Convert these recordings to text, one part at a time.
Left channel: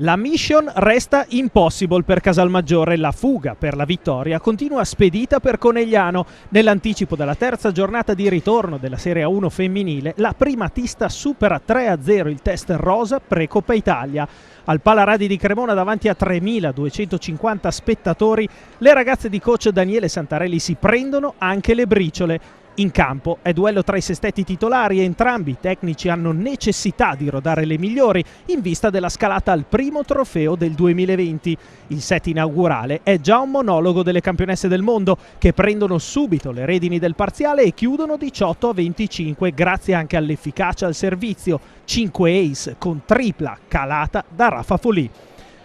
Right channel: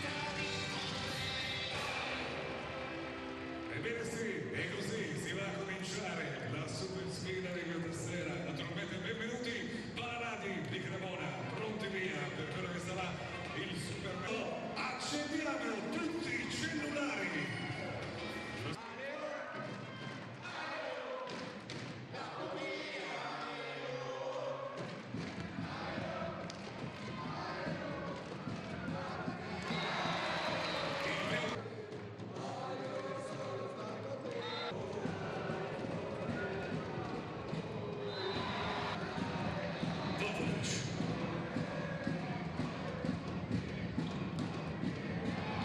La mission resta impossible per Casalmaggiore, la fuga per la vittoria continua spedita per Conegliano. Nell'anticipo della terza giornata di ritorno della Serie A1 femminile, la primatista supera 3-0 il test rosa pre-Coppa Italia. Al Palaradi di Cremona davanti a 3.250 spettatori, le ragazze di coach Daniele Santarelli si prendono anche le briciole. In campo è duello tra i sestetti titolari e entrambi i tecnici hanno necessità di rodare le migliori in vista della scalata al primo trofeo del 2020. Il set inaugurale è già un monologo delle campionesse del mondo che prendono subito le redini del parziale e chiudono 18-25 grazie anche all'efficacia al servizio. 5 ace con tripla calata da Rafa Folì.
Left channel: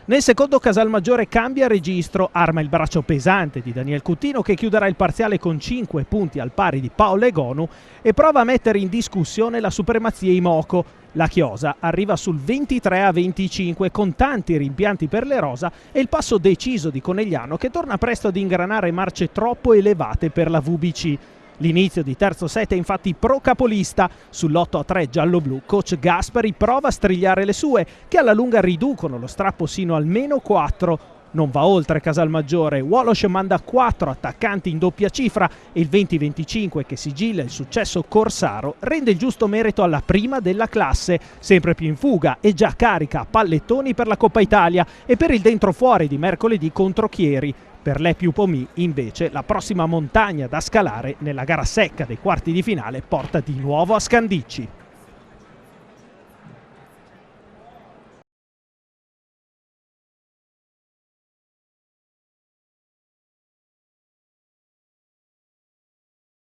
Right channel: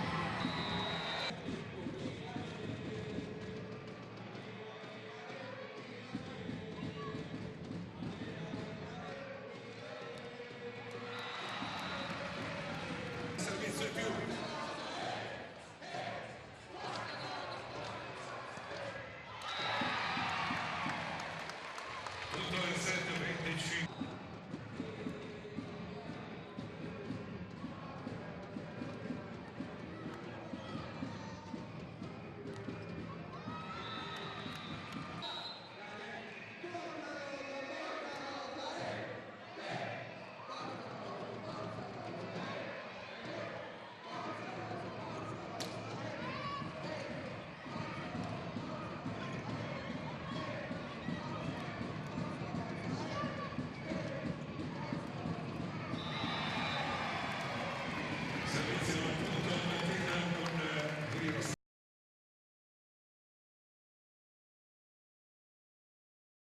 Nel secondo Casalmaggiore cambia registro, arma il braccio pesante di Daniel Cuttino che chiuderà il parziale con 5 punti al pari di Paola Egonu e prova a mettere in discussione la supremazia Imoco. La Chiosa arriva sul 23-25 con tanti rimpianti per le rosa e il passo deciso di Conegliano che torna presto ad ingranare marce troppo elevate per la VBC. L'inizio di terzo set è infatti pro capolista. Sull'8-3 giallo-blu, coach Gaspari prova a strigliare le sue, che alla lunga riducono lo strappo sino al -4. Non va oltre Casalmaggiore, Wolosh manda 4 attaccanti in doppia cifra e il 20-25 che sigilla il successo corsaro rende il giusto merito alla prima della classe, sempre più in fuga e già carica a pallettoni per la Coppa Italia e per il dentro-fuori di mercoledì contro Chieri. Per le più Pomì, invece, la prossima montagna da scalare nella gara secca dei quarti di finale porta di nuovo a Scandicci.